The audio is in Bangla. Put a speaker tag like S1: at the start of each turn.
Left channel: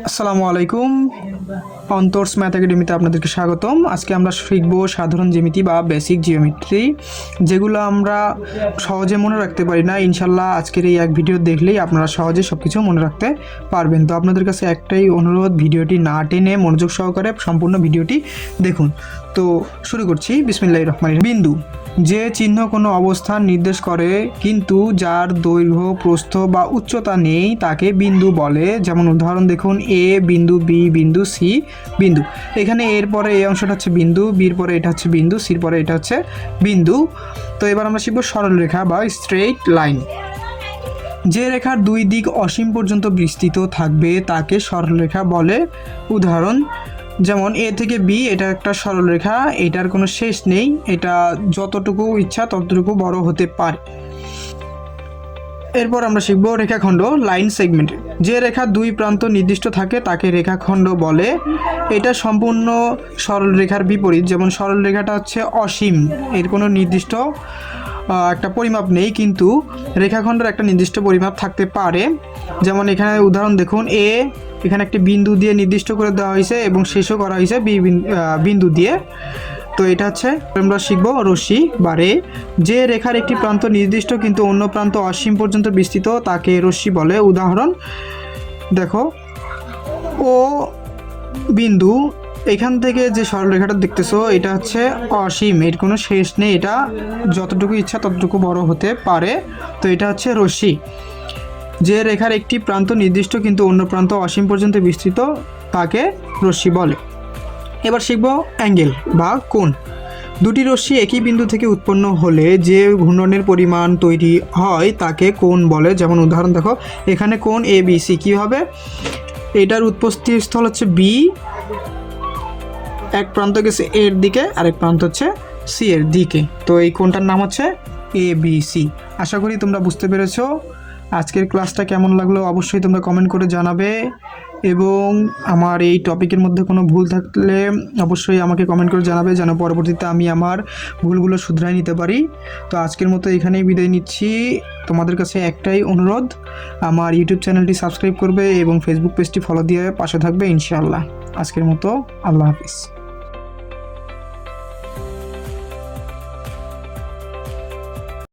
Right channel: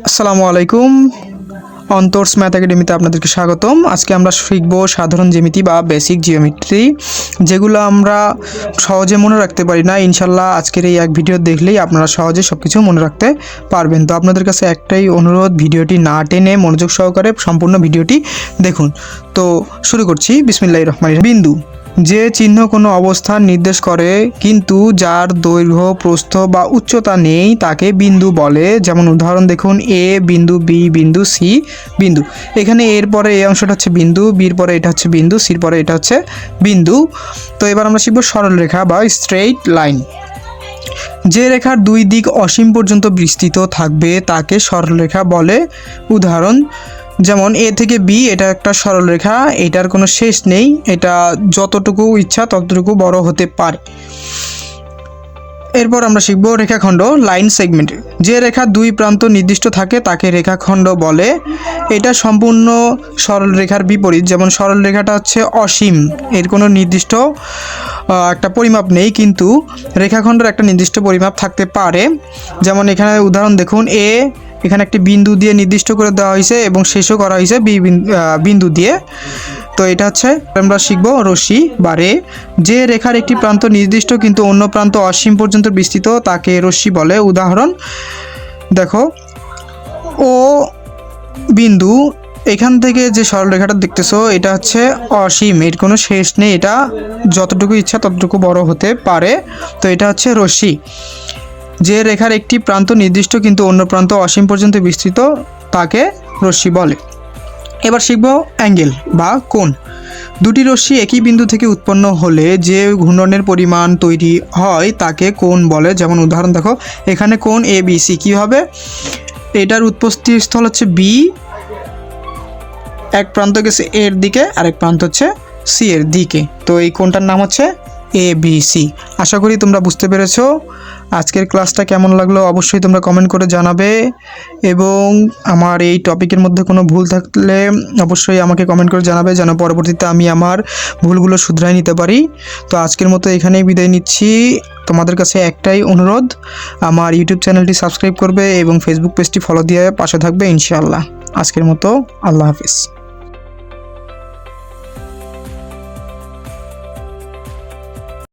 S1: আসসালামু আলাইকুম। অন্তর্স ম্যাথ একাডেমিতে আপনাদেরকে স্বাগতম। আজকে আমরা শিখব সাধারণ জ্যামিতি বা বেসিক জিওমেট্রি, যেগুলো আমরা সহজে মনে রাখতে পারি না। ইনশাল্লাহ আজকের এই এক ভিডিও দেখলেই আপনারা সহজে সব কিছু মনে রাখতে পারবেন। তো আপনাদের কাছে একটাই অনুরোধ, ভিডিওটি না টেনে মনোযোগ সহকারে সম্পূর্ণ ভিডিওটি দেখুন। তো শুরু করছি। বিসমিল্লাহ রহমান বিন্দু, যে চিহ্ন কোনো অবস্থান নির্দেশ করে, কিন্তু যার দৈর্ঘ্য, প্রস্থ বা উচ্চতা নেই, তাকে বিন্দু বলে। যেমন উদাহরণ দেখুন, এ বিন্দু, বি বিন্দু, সি বিন্দু। এখানে এর পরে এই অংশটা হচ্ছে বিন্দু, বির পরে এটা হচ্ছে বিন্দু, সির পরে এটা হচ্ছে বিন্দু। তো এবার আমরা শিখব সরলরেখা বা স্ট্রেইট লাইন। যে রেখার দুই দিক অসীম পর্যন্ত বিস্তৃত থাকবে, তাকে সরলরেখা বলে। উদাহরণ যেমন এ থেকে বি, এটা একটা সরলরেখা এটার কোনো শেষ নেই, এটা যতটুকু ইচ্ছা ততটুকু বড় হতে পারে। এরপর আমরা শিখব রেখাখণ্ড, লাইন সেগমেন্ট। যে রেখা দুই প্রান্ত নির্দিষ্ট থাকে, তাকে রেখাখণ্ড বলে। এটা সম্পূর্ণ সরলরেখার বিপরীত, যেমন সরলরেখাটা হচ্ছে অসীম, এর কোনো নির্দিষ্ট একটা পরিমাপ নেই, কিন্তু রেখাখণ্ডের একটা নির্দিষ্ট পরিমাপ থাকতে পারে। যেমন এখানে উদাহরণ দেখুন, এ এখানে একটি বিন্দু দিয়ে নির্দিষ্ট করে দেওয়া হয়েছে এবং শেষও করা হয়েছে বিন্দু দিয়ে। তো এটা হচ্ছে আমরা শিখব রশ্মি বা রে। যে রেখার একটি প্রান্ত নির্দিষ্ট কিন্তু অন্য প্রান্ত অসীম পর্যন্ত বিস্তৃত, তাকে রশ্মি বলে। উদাহরণ, দেখো, ও বিন্দু, এখান থেকে যে সরলরেখাটা দেখতেছো, এটা হচ্ছে অসীম, এর কোনো শেষ নেই। এটা যতটুকু ইচ্ছা ততটুকু বড় হতে পারে। তো এটা হচ্ছে রশ্মি। যে রেখার একটি প্রান্ত নির্দিষ্ট কিন্তু অন্য প্রান্ত অসীম পর্যন্ত বিস্তৃত, তাকে রশ্মি বলে। এবার শিখব অ্যাঙ্গেল বা কোণ। দুটি রশ্মি একই বিন্দু থেকে উৎপন্ন হলে যে ঘূর্ণনের পরিমাণ তৈরি হয়, তাকে কোণ বলে। যেমন উদাহরণ দেখো, এখানে কোণ এ বি সি কী হবে? এটার উৎপত্তি স্থল হচ্ছে বি এক প্রান্ত গেছে এর দিকে, আরেক প্রান্ত হচ্ছে সি এর দিকে। তো এই কোণটার নাম হচ্ছে এ বি সি আশা করি তোমরা বুঝতে পেরেছ। আজকের ক্লাসটা কেমন লাগল অবশ্যই তোমরা কমেন্ট করে জানাবে এবং আমার এই টপিকের মধ্যে কোনো ভুল থাকলে অবশ্যই আমাকে কমেন্ট করে জানাবে যেন পরবর্তীতে আমি আমার ভুলগুলো শুধরাই নিতে পারি। তো আজকের মতো এখানেই বিদায় নিচ্ছি। তোমাদের কাছে একটাই অনুরোধ, আমার ইউটিউব চ্যানেলটি সাবস্ক্রাইব করবে এবং ফেসবুক পেজটি ফলো দিয়ে পাশে থাকবে ইনশাআল্লাহ। আজকের মতো আল্লাহ হাফিজ।